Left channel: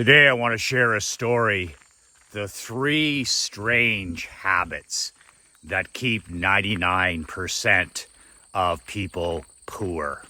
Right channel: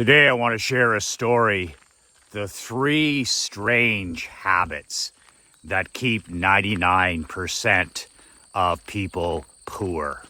Today I want to share a story, the 3 strange habits that keep 99% of people poor.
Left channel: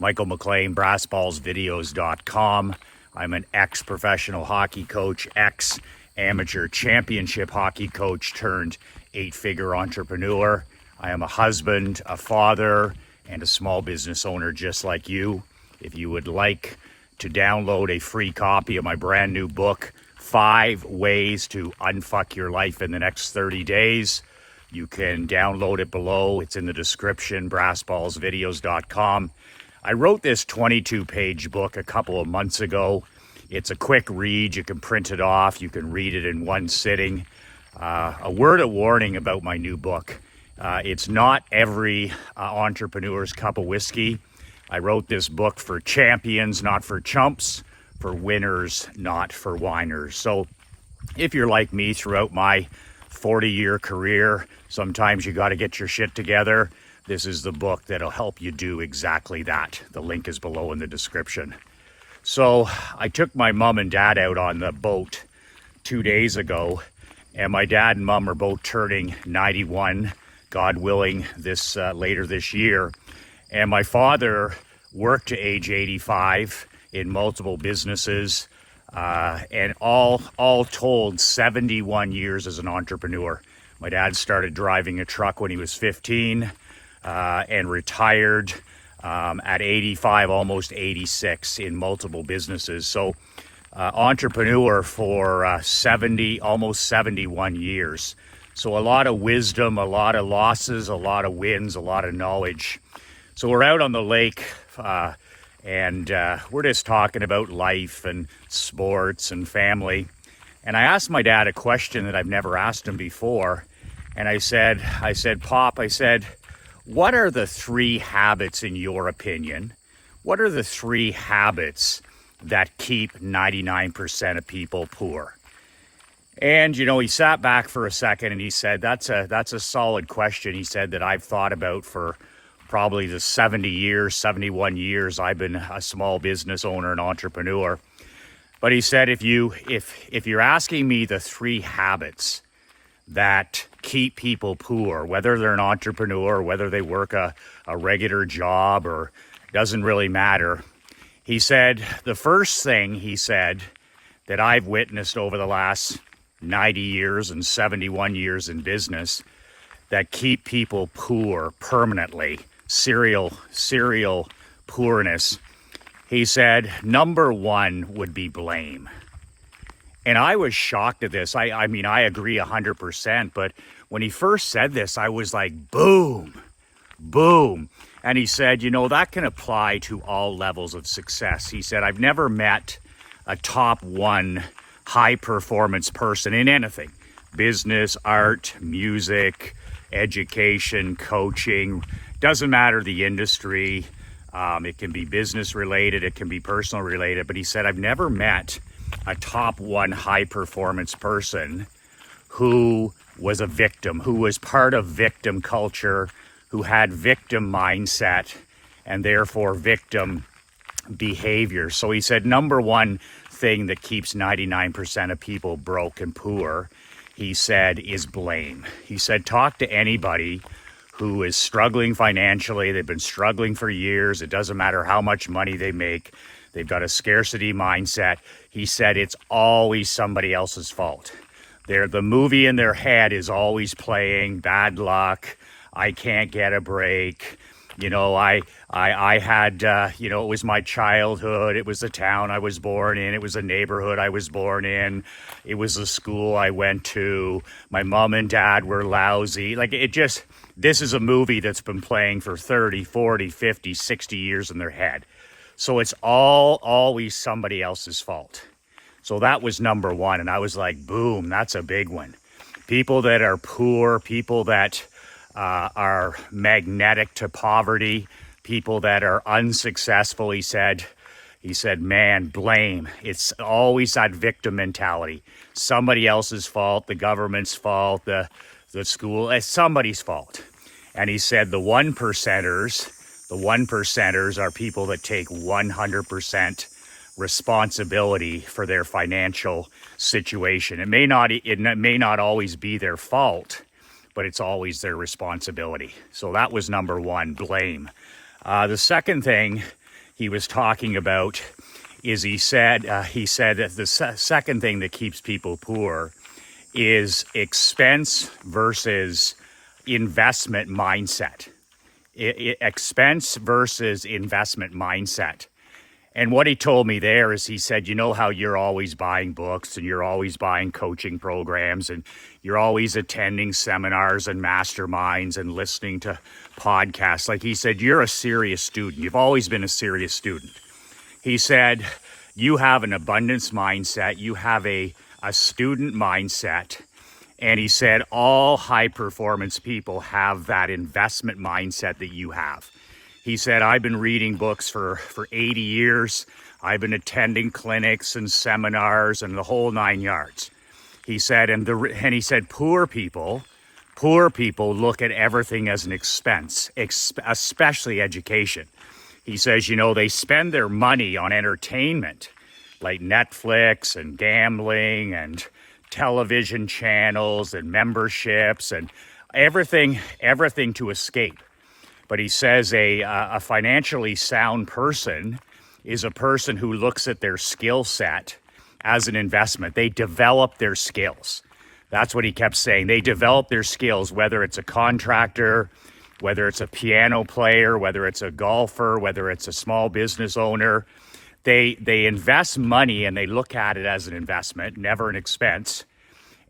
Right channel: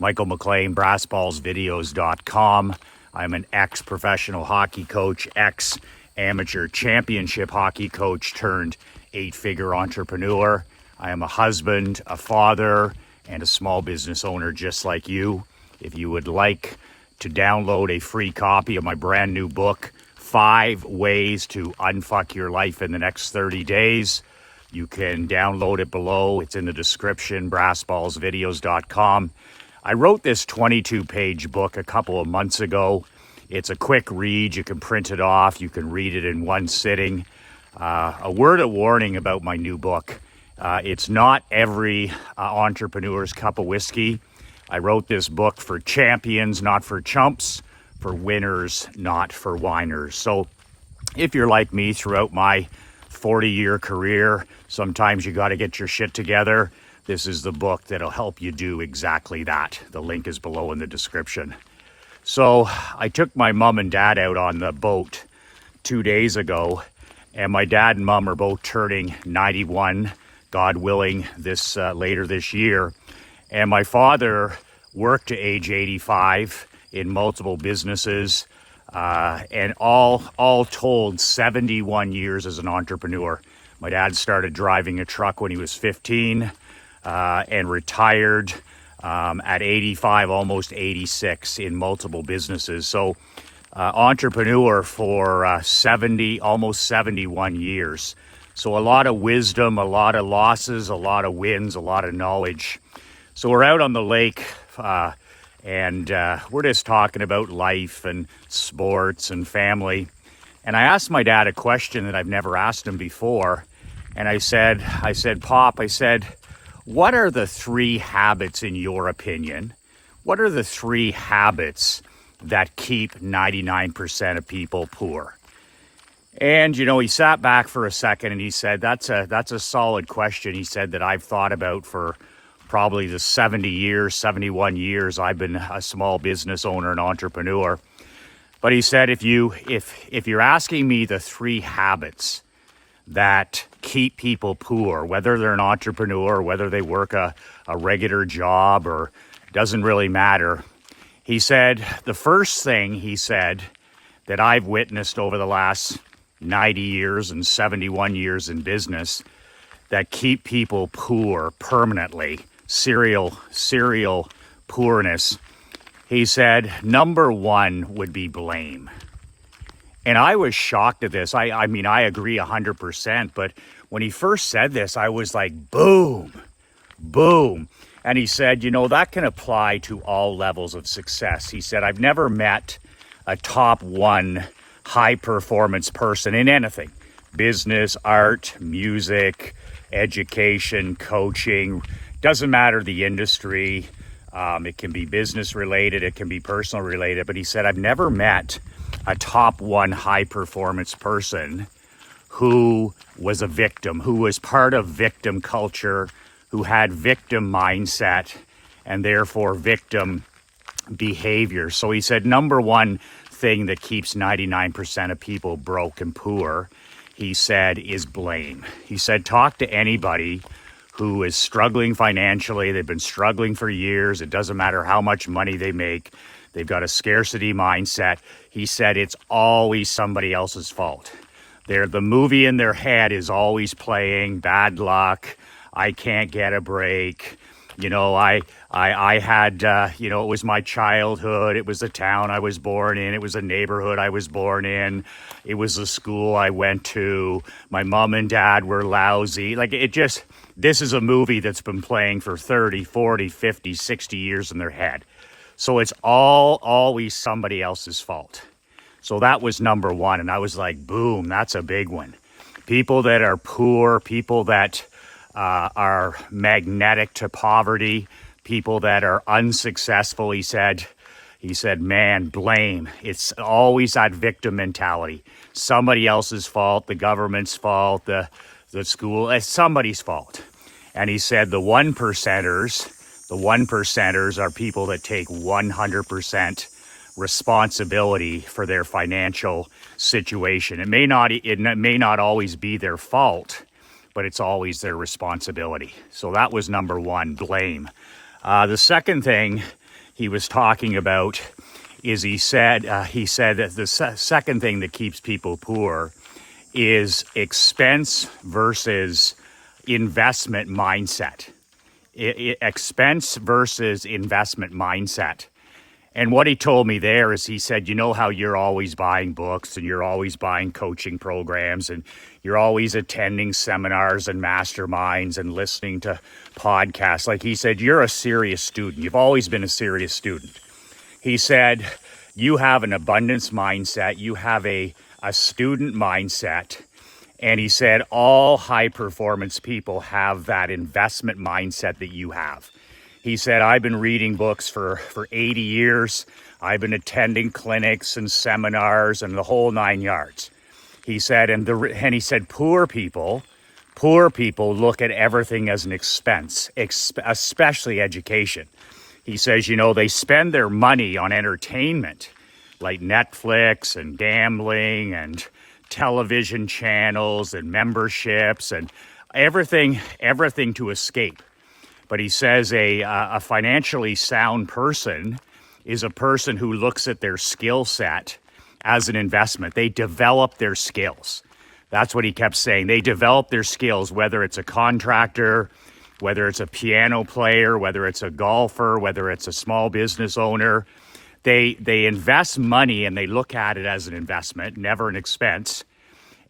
Michael McLean, BrassBallsVideos.com. I'm an ex-professional hockey coach, ex-amateur championship hockey coach turned 8-figure entrepreneur. I am a husband, a father, and a small business owner just like you. If you would like to download a free copy of my brand new book, 5 Ways to Unfuck Your Life in the Next 30 Days, you can download it below. It's in the description, BrassBallsVideos.com. I wrote this 22-page book a couple of months ago. It's a quick read. You can print it off. You can read it in one sitting. A word of warning about my new book. It's not every entrepreneur's cup of whiskey. I wrote this book for champions, not for chumps, for winners, not for whiners. So if you're like me throughout my 40-year career, sometimes you got to get your shit together. This is the book that'll help you do exactly that. The link is below in the description. So I took my mom and dad out on the boat 2 days ago, and my dad and mom are both turning 91, God willing, later this year. And my father worked to age 85 in multiple businesses, and all told 71 years as an entrepreneur. My dad started driving a truck when he was 15 and retired at 85, almost 86 in multiple businesses. So entrepreneur for almost 71 years. So a lot of wisdom, a lot of losses, a lot of wins, a lot of knowledge. So we're out on the lake and we're just talking about life and sports and family. And I asked my dad a question that I've never asked him before. And I said, Pop, what are the 3 habits in your opinion? What are the 3 habits that keep 99% of people poor? And, he sat back for a second and he said, that's a solid question. He said that I've thought about for probably the 71 years I've been a small business owner and entrepreneur. But he said, if you're asking me the 3 habits that keep people poor, whether they're an entrepreneur, whether they work a regular job, or doesn't really matter. He said, the first thing he said that I've witnessed over the last 90 years and 71 years in business that keep people poor permanently, serial poorness. He said, number 1 would be blame. And I was shocked at this. I mean, I agree 100%, but when he first said this, I was like, boom, boom. And he said, that can apply to all levels of success. He said, I've never met a top 1 high performance person in anything, business, art, music, education, coaching, doesn't matter the industry. It can be business related, it can be personal related, but he said, I've never met a top 1 high performance person who was a victim, who was part of victim culture, who had victim mindset and therefore victim behavior. So he said, number 1 thing that keeps 99% of people broke and poor, he said, is blame. He said, talk to anybody who is struggling financially. They've been struggling for years. It doesn't matter how much money they make. They've got a scarcity mindset. He said it's always somebody else's fault. The movie in their head is always playing bad luck. I can't get a break. I had, it was my childhood. It was the town I was born in. It was the neighborhood I was born in. It was the school I went to. My mom and dad were lousy. This is a movie that's been playing for 30, 40, 50, 60 years in their head. So it's always somebody else's fault. So that was number 1. And I was like, boom, that's a big one. People that are poor, people that are magnetic to poverty, people that are unsuccessful, he said, man, blame. It's always that victim mentality. Somebody else's fault, the government's fault, the school, it's somebody's fault. And he said the 1%ers are people that take 100% responsibility for their financial situation. It may not always be their fault, but it's always their responsibility. So that was number one, blame. The second thing he was talking about is he said that the second thing that keeps people poor is expense versus investment mindset. Expense versus investment mindset. And what he told me there is he said, you know how you're always buying books and you're always buying coaching programs and you're always attending seminars and masterminds and listening to podcasts. Like he said, you're a serious student. You've always been a serious student. He said, you have an abundance mindset. You have a student mindset. And he said, all high performance people have that investment mindset that you have. He said, I've been reading books for 80 years. I've been attending clinics and seminars and the whole 9 yards. He said, and he said, poor people look at everything as an expense, especially education. He says, you know, they spend their money on entertainment like Netflix and gambling and television channels and memberships and everything to escape. But he says a financially sound person is a person who looks at their skill set as an investment. They develop their skills. That's what he kept saying. They develop their skills, whether it's a contractor, whether it's a piano player, whether it's a golfer, whether it's a small business owner. They invest money and they look at it as an investment, never an expense.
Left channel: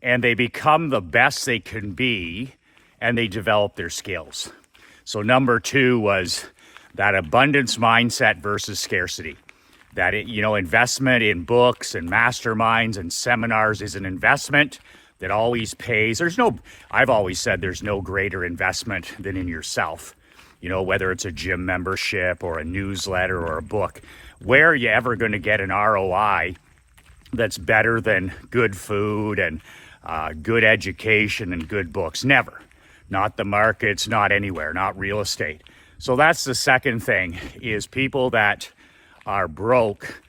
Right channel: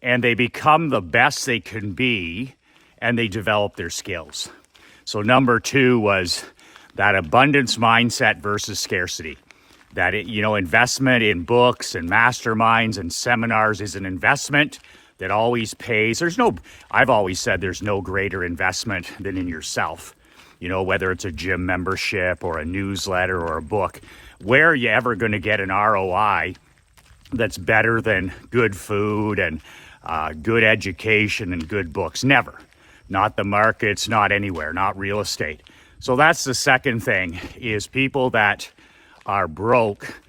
And they become the best they can be and they develop their skills. So number two was that abundance mindset versus scarcity. That, you know, investment in books and masterminds and seminars is an investment that always pays. I've always said there's no greater investment than in yourself. You know, whether it's a gym membership or a newsletter or a book, where are you ever going to get an ROI that's better than good food and good education and good books? Never. Not the markets, not anywhere, not real estate. So that's the second thing, is people that are broke.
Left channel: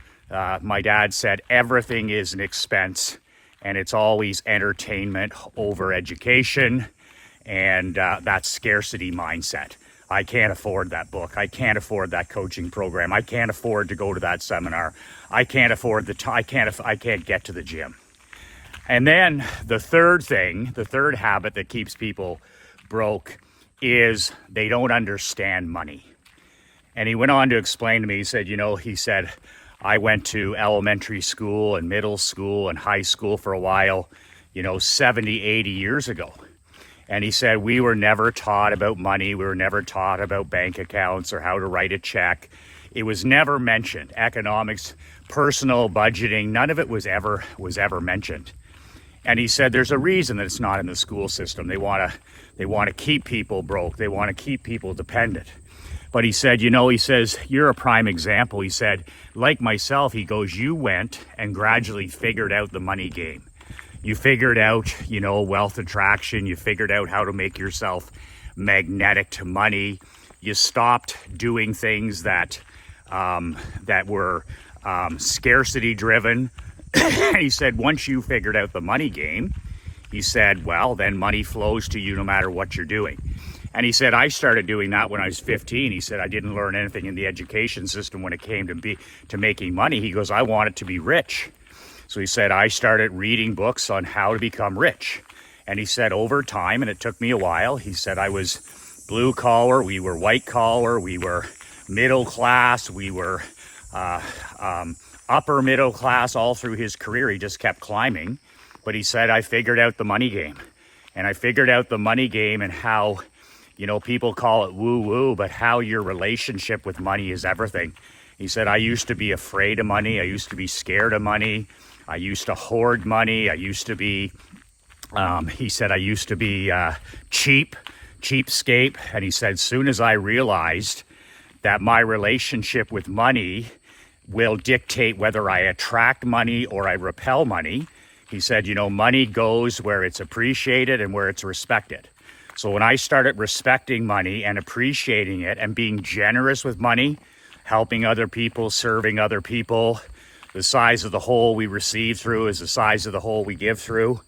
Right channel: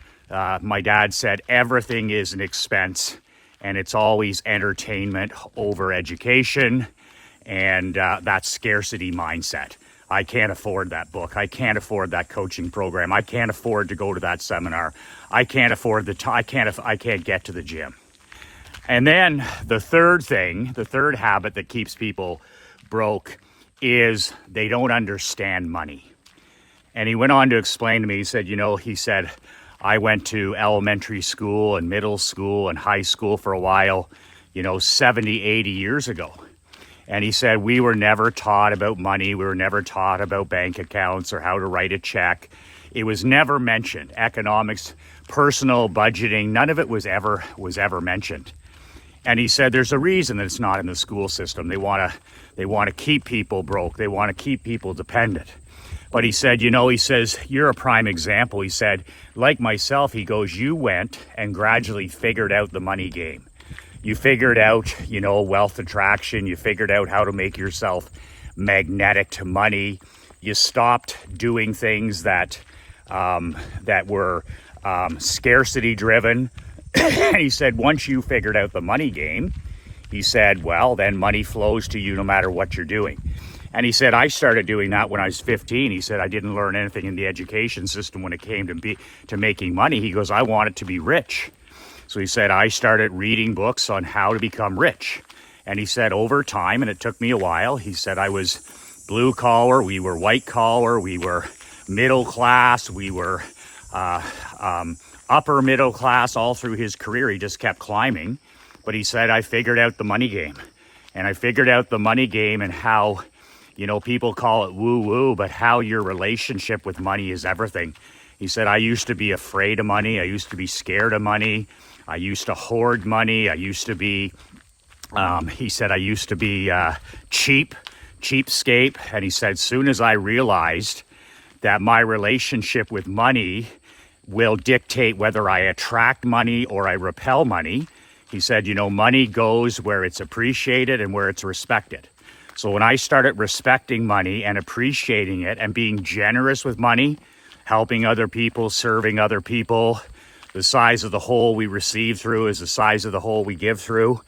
My dad said everything is an expense and it's always entertainment over education, and that scarcity mindset. I can't afford that book. I can't afford that coaching program. I can't afford to go to that seminar. I can't afford I can't get to the gym. And then the third habit that keeps people broke is they don't understand money. And he went on to explain to me, he said, I went to elementary school and middle school and high school for a while, 70, 80 years ago. And he said, we were never taught about money. We were never taught about bank accounts or how to write a check. It was never mentioned. Economics, personal budgeting, none of it was ever mentioned. And he said, there's a reason that it's not in the school system. They want to keep people broke. They want to keep people dependent. But he said, you're a prime example. He said, like myself, he goes, you went and gradually figured out the money game. You figured out, wealth attraction. You figured out how to make yourself magnetic to money. You stopped doing things that were scarcity driven. He said, once you figured out the money game, he said, well, then money flows to you no matter what you're doing. And he said, I started doing that when I was 15. He said, I didn't learn anything in the education system when it came to making money. He goes, I wanted to be rich. So he said, I started reading books on how to become rich. And he said, over time, and it took me a while, he said, I was blue collar, we were white collar, we were middle class, we were upper middle class all through his career. He just kept climbing. But he said, I figured out the money game. And I figured out the money game and how, people call it woo-woo, but how your relationship with money is everything. He said, I used to be afraid of money. I used to be scared of money. I used to hoard money. I used to be, cheapskate. And he said, soon as I realized that my relationship with money will dictate whether I attract money or I repel money, he said, money goes where it's appreciated and where it's respected. So when I started respecting money and appreciating it and being generous with money, helping other people, serving other people, the size of the hole we receive through is the size of the hole we give through.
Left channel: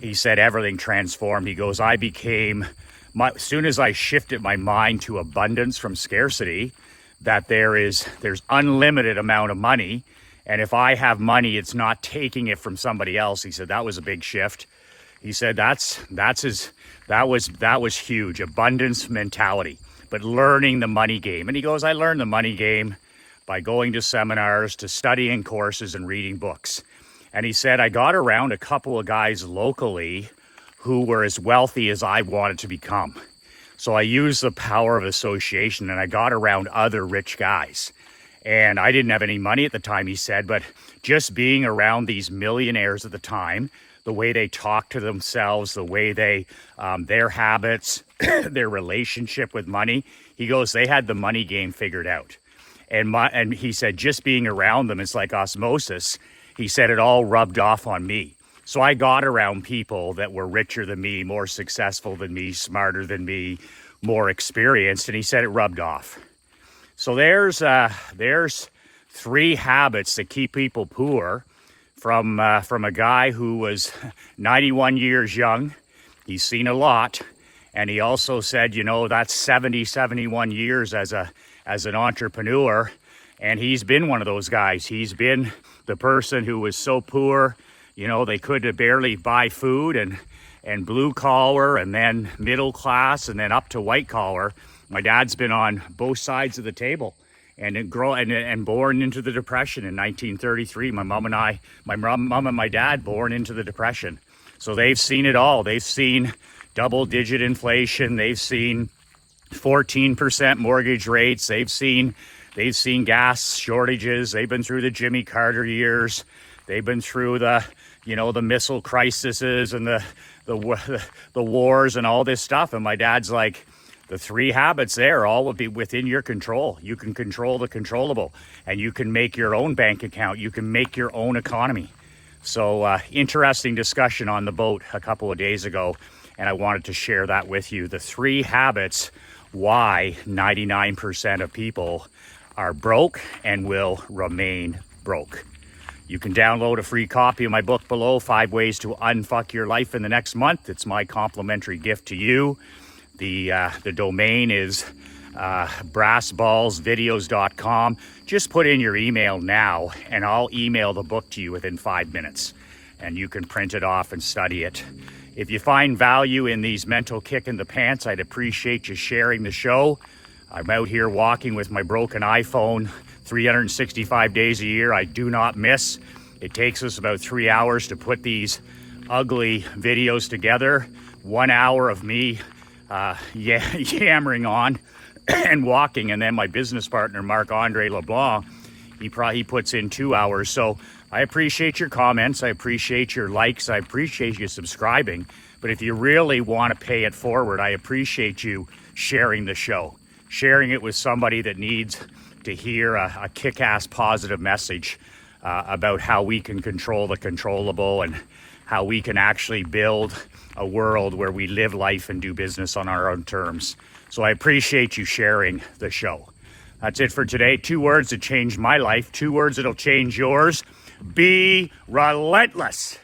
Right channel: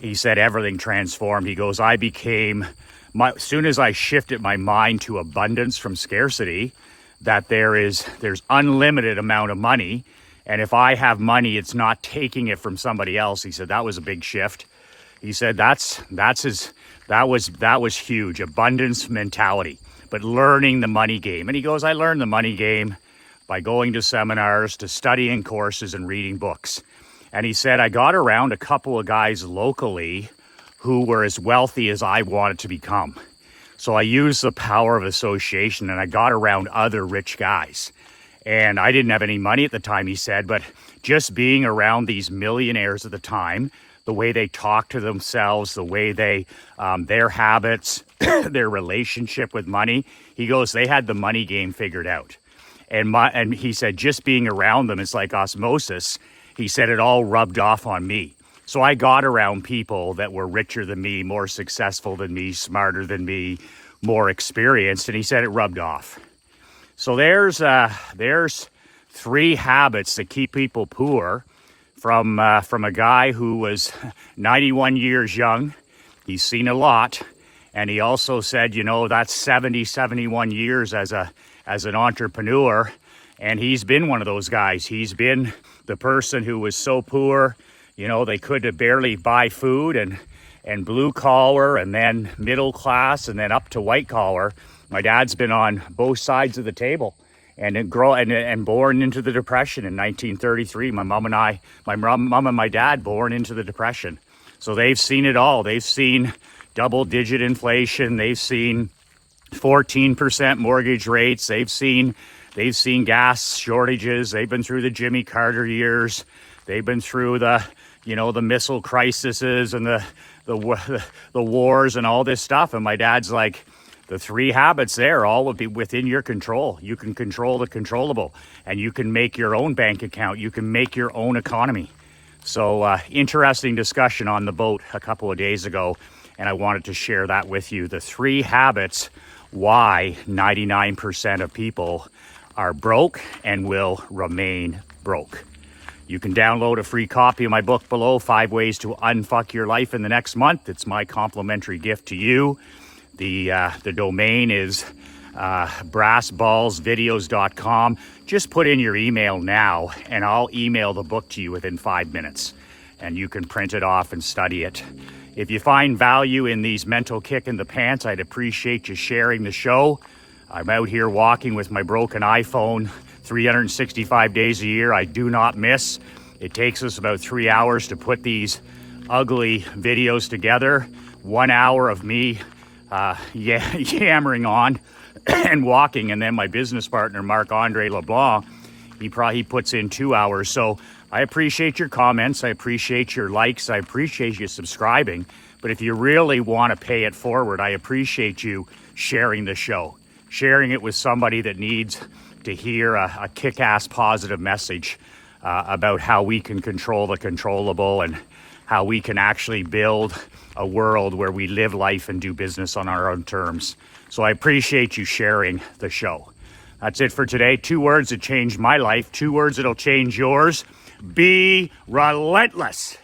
He said everything transformed. He goes, I became, as soon as I shifted my mind to abundance from scarcity, that there's unlimited amount of money. And if I have money, it's not taking it from somebody else. He said that was a big shift. He said that was huge, abundance mentality, but learning the money game. And he goes, I learned the money game by going to seminars, to studying courses and reading books. And he said, I got around a couple of guys locally who were as wealthy as I wanted to become. So I used the power of association and I got around other rich guys. And I didn't have any money at the time, he said, but just being around these millionaires at the time, the way they talk to themselves, the way they, their habits, their relationship with money, he goes, they had the money game figured out. And he said, just being around them, it's like osmosis. He said it all rubbed off on me. So I got around people that were richer than me, more successful than me, smarter than me, more experienced. And he said it rubbed off. So there's 3 habits that keep people poor from a guy who was 91 years young. He's seen a lot. And he also said, you know, that's 71 years as an entrepreneur. And he's been one of those guys. He's been the person who was so poor, you know, they could barely buy food, and blue collar, and then middle class, and then up to white collar. My dad's been on both sides of the table, and born into the Depression in 1933. My mom and my dad born into the Depression. So they've seen it all. They've seen double-digit inflation. They've seen 14% mortgage rates. They've seen gas shortages. They've been through the Jimmy Carter years. They've been through the missile crises and the wars and all this stuff. And my dad's like, the 3 habits there all would be within your control. You can control the controllable, and you can make your own bank account. You can make your own economy. So interesting discussion on the boat a couple of days ago, and I wanted to share that with you. The 3 habits why 99% of people are broke and will remain broke. You can download a free copy of my book below, 5 Ways to Unfuck Your Life in the Next Month. It's my complimentary gift to you. The domain is brassballsvideos.com. Just put in your email now, and I'll email the book to you within 5 minutes. And you can print it off and study it. If you find value in these mental kick in the pants, I'd appreciate you sharing the show. I'm out here walking with my broken iPhone 365 days a year. I do not miss. It takes us about 3 hours to put these ugly videos together. 1 hour of me yammering on and walking, and then my business partner Marc-Andre LeBlanc, he puts in 2 hours. So I appreciate your comments, I appreciate your likes, I appreciate you subscribing, but if you really want to pay it forward, I appreciate you sharing the show, sharing it with somebody that needs to hear a kick-ass positive message about how we can control the controllable and how we can actually build a world where we live life and do business on our own terms. So I appreciate you sharing the show. That's it for today. 2 words that changed my life, 2 words that'll change yours. Be relentless.